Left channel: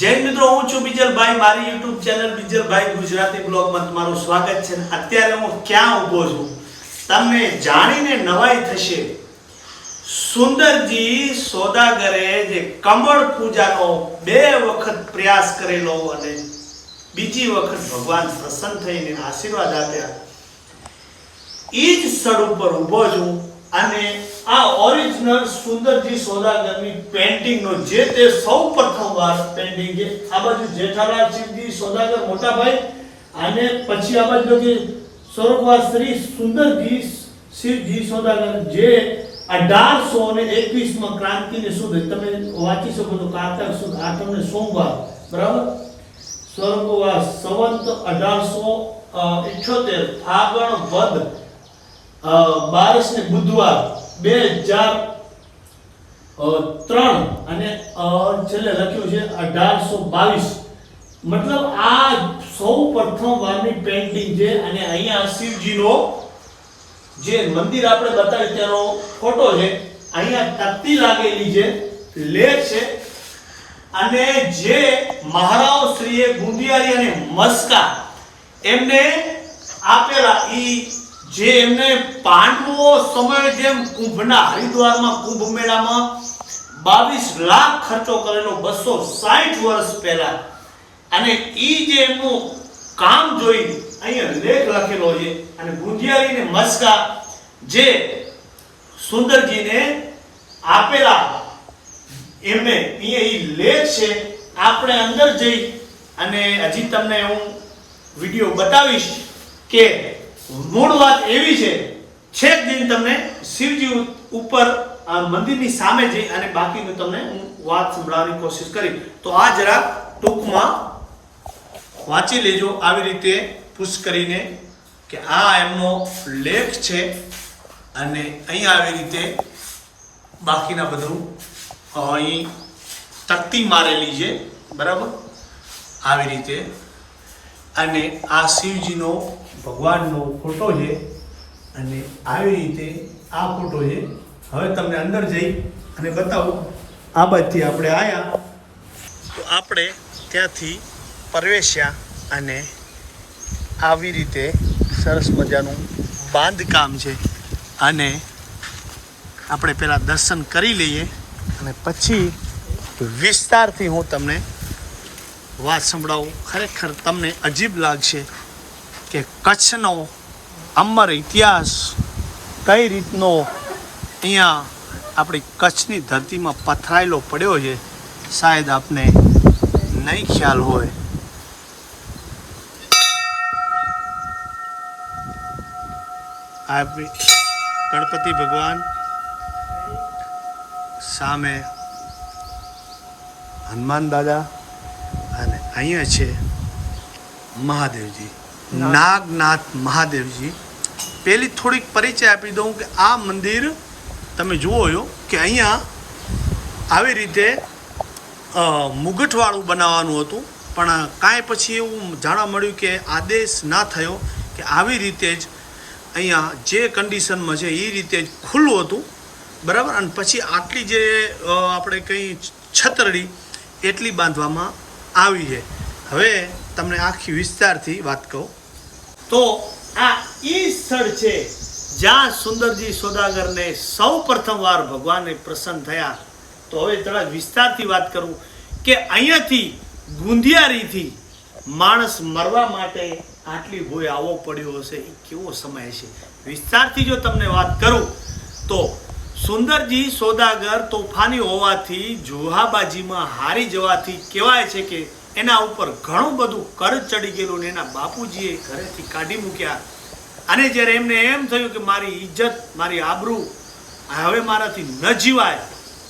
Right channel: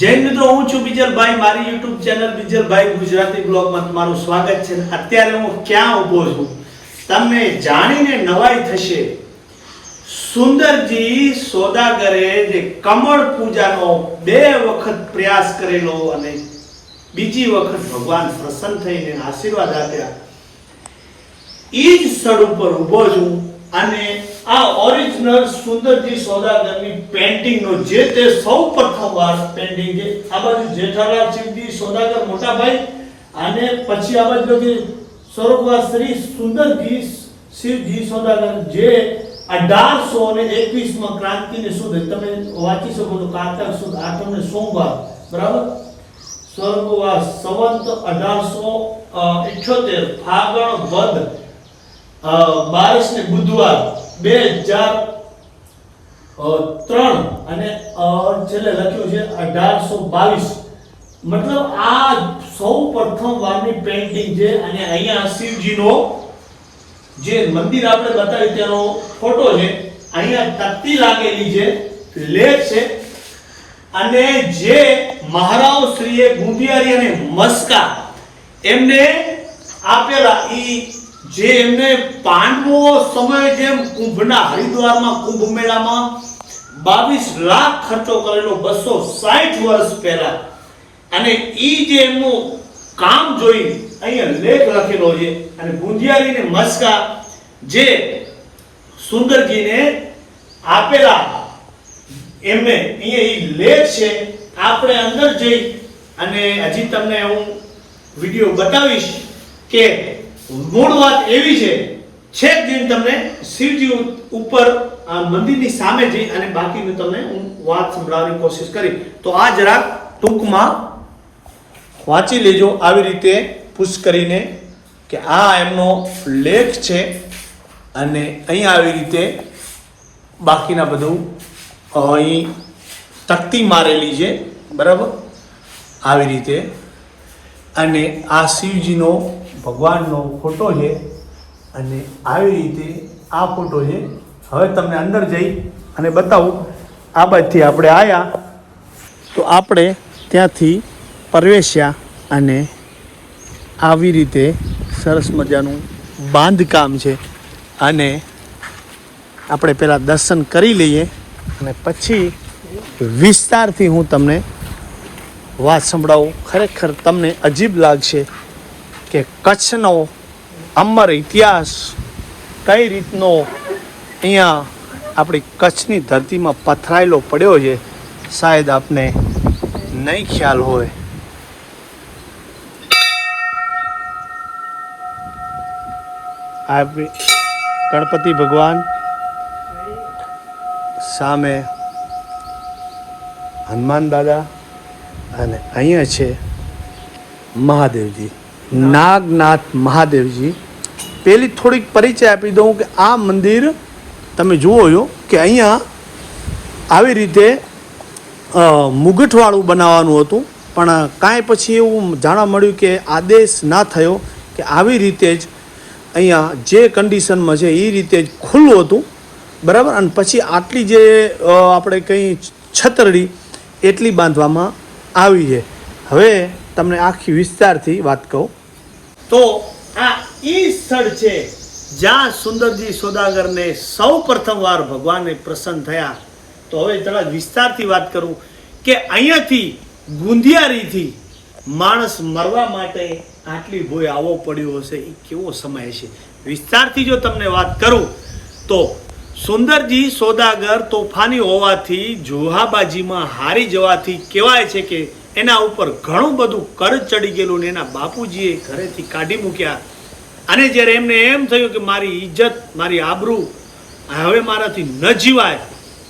જય મિત્રો, હું છું બીજલભાઈ. મારી યુટ્યુબ ચેનલ બીજલભાઈ ગુજરાતી બ્લોગમાં તમારું સ્વાગત છે. અત્યારે હું ક્યાં ઊભો છું તમને જાણીને નવાઈ થશે. સુંદરજી સોદાગરે જે કમળ પૂજાનો 2 વખત પ્રયાસ કરેલો અને બીજી વખત ભગવાન પ્રસન્ન થઈને આશીર્વાદ આપ્યા, ઈ જ સ્થળ ઉપર ઊભો છું. અને આ ઓરિજિનલ સુંદરજી સોદાગરની પેન્ટિંગ નો જે તે સૌ પ્રથમ વાર પેન્ટિંગ છે. આ બાજુ જેઠાલાલ શિવજી સોદાગર મોટા ભાઈ, અને પછી આ બાજુ કે સ્વર્ગવાસ શ્રી સુંદરજી શિવજી સોદાગર જે 1821 માં ક્રાંતિને સુધ તમે વાંચી શકો છો. કારતક સુદ 8 સોમવાર, બરાબર. સ્વર્ગવાસ સંવત 1878 ફાગણ વદ 12 ને બુધવાર 2003 અને છેલ્લે લખ્યું છે 1822. મતલબ આ સૌ પ્રથમ વારની પેન્ટિંગ છે. અને અહીંયા શિવજીનો જે મંદિર આપણે બતાવ્યું તેનો ફોટો છે. અહીંયા તકતી લાગેલી છે, લેખ છે. અને જે મહારાવ શ્રીએ ગુંદિયારી અને મસ્કા એમને આપેલા, ઈ જે એમને પાંડવો સમય જેમ કુંભના હરિદ્વારમાં કુંભ મેળામાં 22 લાખ ખર્ચો કરેલો 260 વર્ષ પહેલા, અને ઈ જે એમનું કામ જોઈ અહીંયા લેખ લખેલો છે. અને ગુંદિયારી ને મસ્કા જે સુંદરજીને આપેલા એમને અહીંયા ઈ લેખ છે. આપણે અંદર જઈ અને હજી તમને હું વિડિયો બતાવીશ કે મૂળ વાત એવી છે. છેક દિન તમને શિવજી ઉપર મંદિરની સામે જઈ અને બાકીનું તમને હું વાત સંભળાવવાની કોશિશ કરી. તો આ જરાક ટૂંકમાં વાંચી લેજો આવી રીતે પુશ કરીને કે આ એમનો લેખ છે. અને અહીંયા આવી રીતે બાકીના બધું અહીં તકતી મારેલી છે, બરાબર. આવી રીતે. અને આ શિવજીનો ભગવાનનો ફોટો છે. અને આવી રીતે આ ફોટો છે. હવે તમને અંદર જઈ અને બતાવું. આ બાજુથી આપણે આવ્યા તો આપણે ત્યાંથી પ્રવેશ્યા અને આવી રીતે સરસ મજાનું બાંધકામ છે. અને આપણે પહેલાં દર્શન કરી લઈએ અને પછી વિસ્તારથી હું તમને વાત સંભળાવું. ખરેખર તમને અજીબ લાગશે કે કચ્છનો અમર ઇતિહાસ કઈ રીતનો અહીંયા આપણી કચ્છની ધરતીમાં પથરાયેલો પડ્યો છે. શાયદ આપને નહીં ખ્યાલ હોય. આ ગણપતિ ભગવાન, સામે હનુમાન દાદા, અને અહીંયા છે મહાદેવજી, નાગનાથ મહાદેવજી. પેલી થોડીક પરિચય આપી દઉં કે આ મંદિર તમે જુઓ છો કે અહીંયા આવી રીતે મુગટવાળું બનાવવાનું હતું, પણ કાંઈ પછી એવું જાણવા મળ્યું કે આદેશ ના થયો કે આવી રીતે જ અહીંયા જે કન્ડિશનમાં છે એ રીતે જ ખુલ્લું હતું, બરાબર. અને પછી આટલી જે આપણે કંઈ છતરડી એટલી બાંધવામાં આવી છે. હવે તમને આખી વિસ્તારથી વાત કહું તો આ ઈ સ્થળ છે જ્યાં સુંદરજી સોદાગરને સૌ પ્રથમ વાર ભગવાને પ્રસન્ન થયા. તો હવે થોડા વિસ્તારથી વાત કરું કે અહીંયાથી ગુંદિયારીથી માણસ મરવા માટે આટલી ભોય આવવો પડ્યો હશે. એ કેવો સમય છે. વિસ્તારથી જો તમને વાત કરું તો સુંદરજી સોદાગર તોફાની હોવાથી, જુહાબાજીમાં હારી જવાથી કહેવાય છે કે એના ઉપર ઘણું બધું કર્જ ચડી ગયેલું ને એના બાપુજીએ ઘરેથી કાઢી મૂક્યા. અને જ્યારે એમને એમ થયું કે મારી ઇજ્જત, મારી આબરૂ હવે મારાથી ન જીવાય,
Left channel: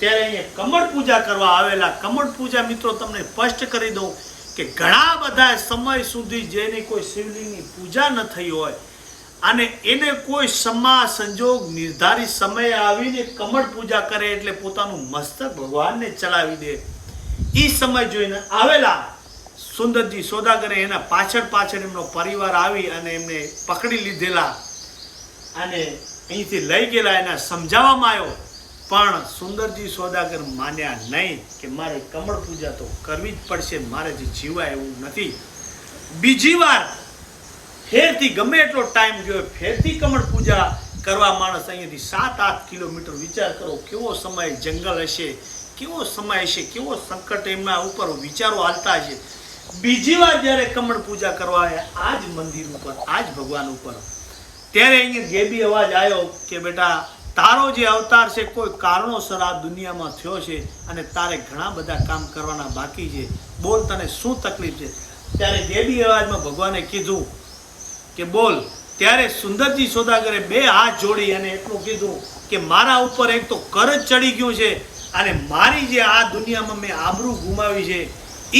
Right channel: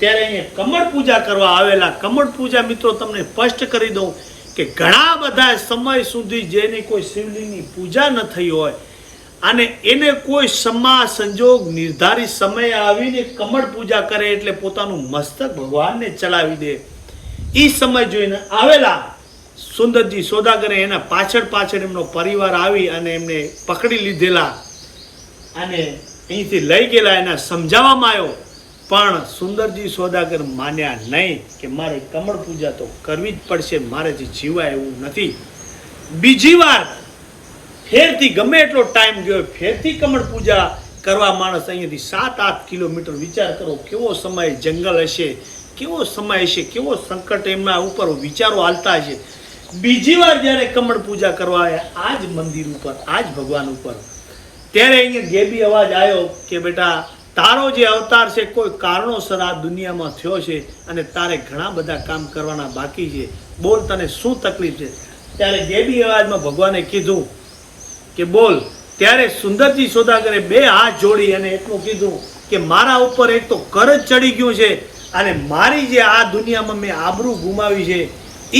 ત્યારે અહીંયા કમળ પૂજા કરવા આવેલા. કમળ પૂજા મિત્રો તમને સ્પષ્ટ કરી દઉં કે ઘણા બધા સમય સુધી જેની કોઈ શિવલિંગની પૂજા ન થઈ હોય અને એને કોઈ સમા સંજોગ નિર્ધારિત સમયે આવીને કમળ પૂજા કરે એટલે પોતાનું મસ્તક ભગવાનને ચડાવી દે. એ સમય જોઈને આવેલા સુંદરજી સોદાગરે એના પાછળ એમનો પરિવાર આવી અને એમને પકડી લીધેલા અને અહીંથી લઈ ગયેલા. એના સમજાવવામાં આવ્યો પણ સુંદરજી સોદાગર માન્યા નહીં કે મારે કમળ પૂજા તો કરવી જ પડશે, મારેથી જીવાય એવું નથી. બીજી વાર ફેરથી ગમે એટલો ટાઈમ ગયો ફેરથી કમળ પૂજા કરવા માણસ અહીંયાથી 7-8 કિલોમીટર, વિચાર કરો કેવો સમય જંગલ હશે, કેવો સમય હશે, કેવો સંકટ એમના ઉપર વિચારો હાલતા હશે. બીજી વાર જ્યારે કમળ પૂજા કરવા આવ્યા આ જ મંદિર ઉપર, આ જ ભગવાન ઉપર, ત્યારે અહીંયા ગેબી અવાજ આવ્યો કે બેટા તારો જે અવતાર છે કોઈ કારણોસર આ દુનિયામાં થયો છે અને તારે ઘણા બધા કામ કરવાના બાકી છે, બોલ તને શું તકલીફ છે. ત્યારે ગેબી અવાજમાં ભગવાને કીધું કે બોલ. ત્યારે સુંદરજી સોદાગરે 2 હાથ જોડી અને એટલું કીધું કે મારા ઉપર એક તો કરજ ચડી ગયું છે અને મારી જે આ દુનિયામાં મેં આબરૂ ગુમાવી છે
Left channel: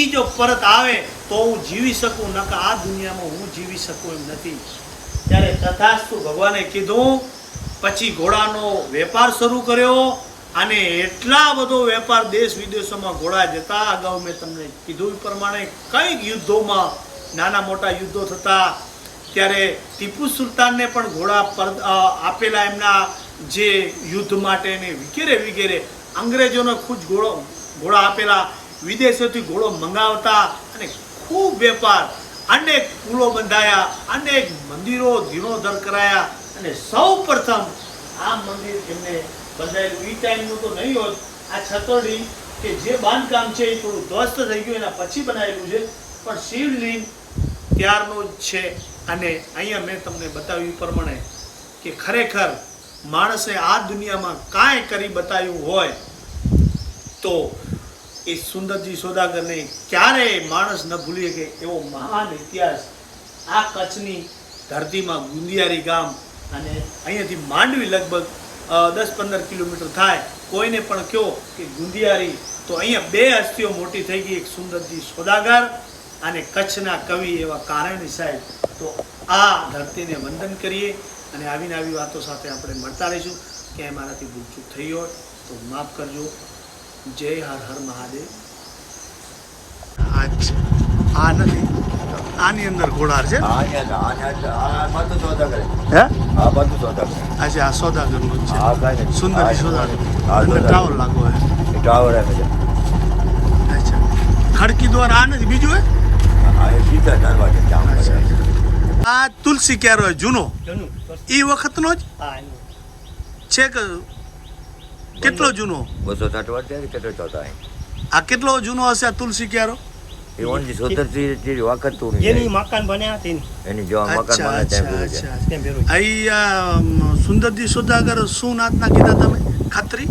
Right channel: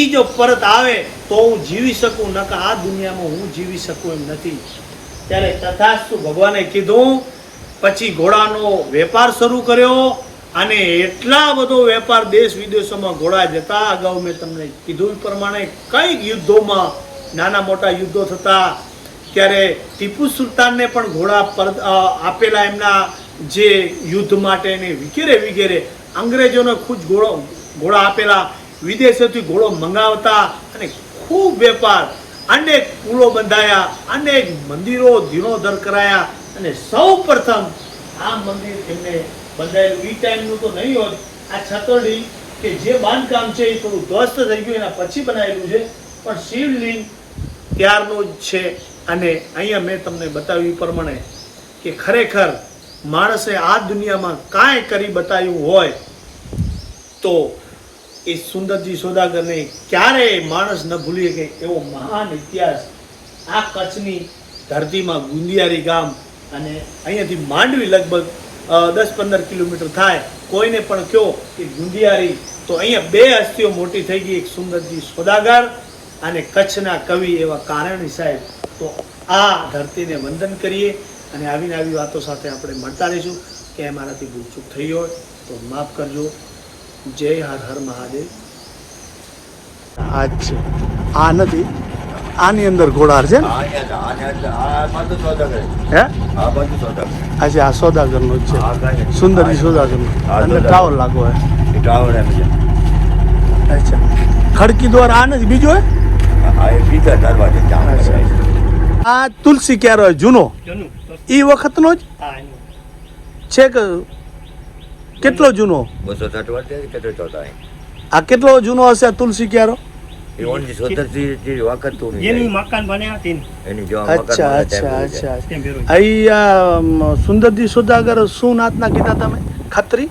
એ જો પરત આવે તો હું જીવી શકું, નકર આ દુનિયામાં હું જીવી શકું એમ નથી. ત્યારે તથાસ્તુ ભગવાને કીધું. પછી ઘોડાનો વેપાર શરૂ કર્યો અને એટલા બધો વેપાર દેશ વિદેશોમાં ઘોડા જતા. અગાઉ મેં તમને કીધું એ પ્રમાણે કઈ યુદ્ધોમાં નાના મોટા યુદ્ધો થતા, ત્યારે ટીપુ સુલતાનને પણ ઘોડા આપેલા એમના જે યુદ્ધ માટે ને વગેરે વગેરે. અંગ્રેજોને ખુદ ઘોડા આપેલા, વિદેશોથી ઘોડો મંગાવતા અને ખૂબ વેપાર, અનેક પુલો બંધાયા, અનેક મંદિરો જીર્ણોદ્ધાર કરાયા અને સૌ પ્રથમ આ મંદિર એમને બંધાયેલું. એ ટાઈમનું તો નહીં હોત. આ છતરડી કે જે બાંધકામ છે એ થોડું ધ્વસ્ત થઈ ગયું એના પછી બનાવેલું છે, પણ શિવલિંગ ત્યારનું જ છે. અને અહીંયા મેં તમને બતાવ્યું પ્રમાણે કે ખરેખર માણસે આ દુનિયામાં કાંઈ કરી બતાવ્યું હોય તો એ સુંદરજી સોદાગરને ક્યારેય માણસ ન ભૂલી શકે એવો મહાન ઇતિહાસ આ કચ્છની ધરતીમાં ગુંદિયારી ગામ અને અહીંયાથી માંડવી લગભગ 10-15 કિલોમીટર થાય. કોઈને પણ કહો કે ગુંદિયારી તો અહીંયા 2 હસ્તીઓ મોટી થઈ ગઈ, એક સુંદરજી સોદાગર અને કચ્છના કવિ એવા કારણી સાહેબ. તો આ ધરતીને વંદન કરીએ અને આવીને આવી વાતો સાથે આપણે મળતા રહીશું. કે મારાથી ભૂલચૂક થઈ હોય તો માફ કરજો. જય હર હર મહાદેવ. આ નથી, આની અંદર ઘોડાર છે ને? હે? અચ્છા, આ સોદાગરનો જ છે, સુંદરજી સોદાગરનો. અંદર ટાવર લાગો હે. અચ્છા, ખડકી દ્વાર આ નથી, બીજો હે? આ તુલસી ક્યારો જૂનો એ વખતનો જ છે કે કેટલો જૂનો? 260 વર્ષ. આ કેટલો જૂનો હશે આ તુલસી ક્યારો? સુંદરજી સોદાગર શું નાતના કીધા તમે? ખત્રી?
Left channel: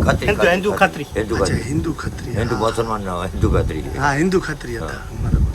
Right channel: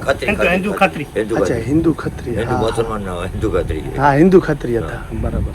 હિન્દુ ખત્રી. અચ્છા, હિન્દુ ખત્રી. હિન્દુ મુસલમાન, હિન્દુ ખત્રી. હા, હિન્દુ ખત્રી હતા, બરાબર.